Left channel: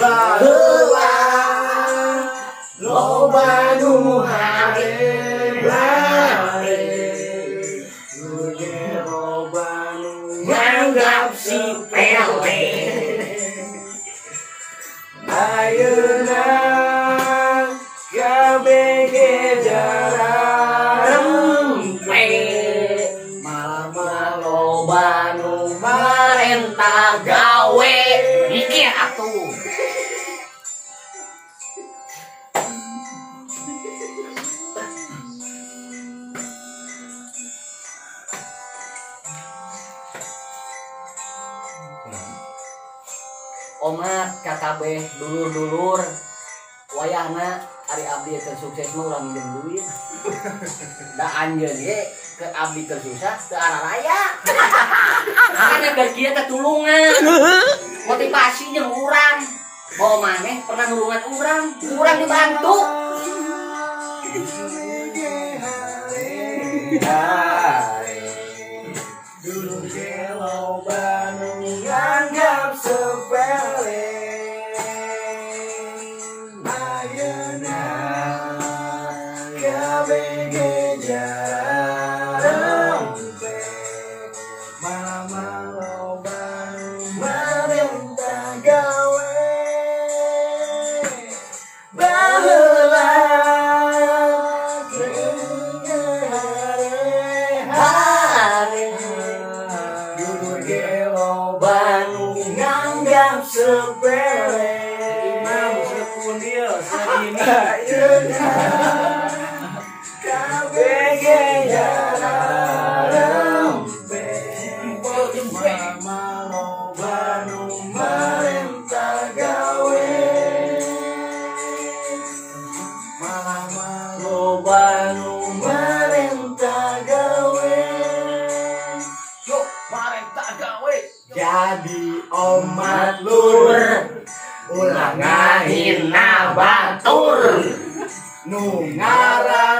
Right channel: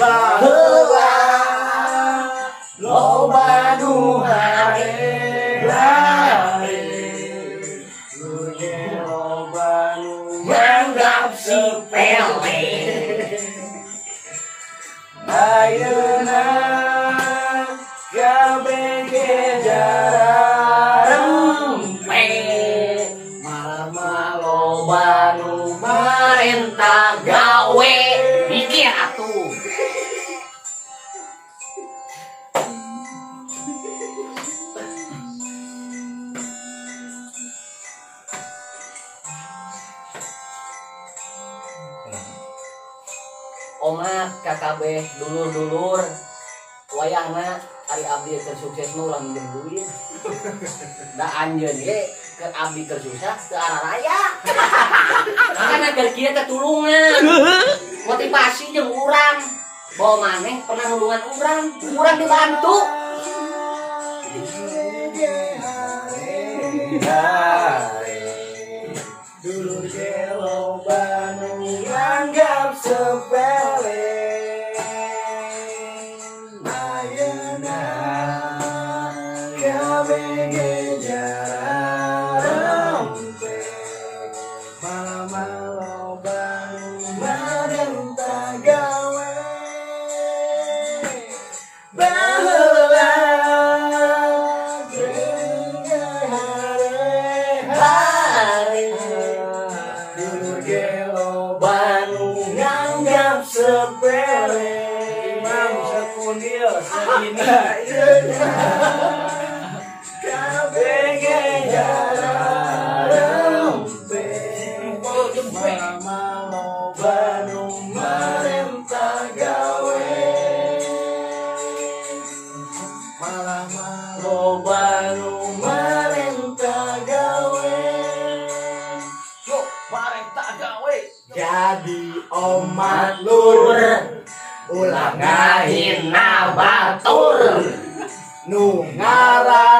Baheula loba nu hare loba nu nganggap sepele ayeuna kabeh jarempe mama loba nu marentah gawe iki atuh. Omat kakabeh dulur-dulur wayahna ari abdi tersukses mah ulah minjem duit. Da anjeun ge ke abdi tersusah teu arah raya. Karena keur kieu teh tulungan. Motivasi jeung urang. Bawa maneh pernah nulungan urang dibantu. Dulur ge loba nu nganggap sepele ayeuna kabeh jarempe mama loba nu marentah gawe baheula sepele imam sekunil segini kabeh jarempe mama loba nu marentah gawe mama loba nu marentah gawe yuk marentah gawe jadi omat lur ulah ngahina batur nu ngaran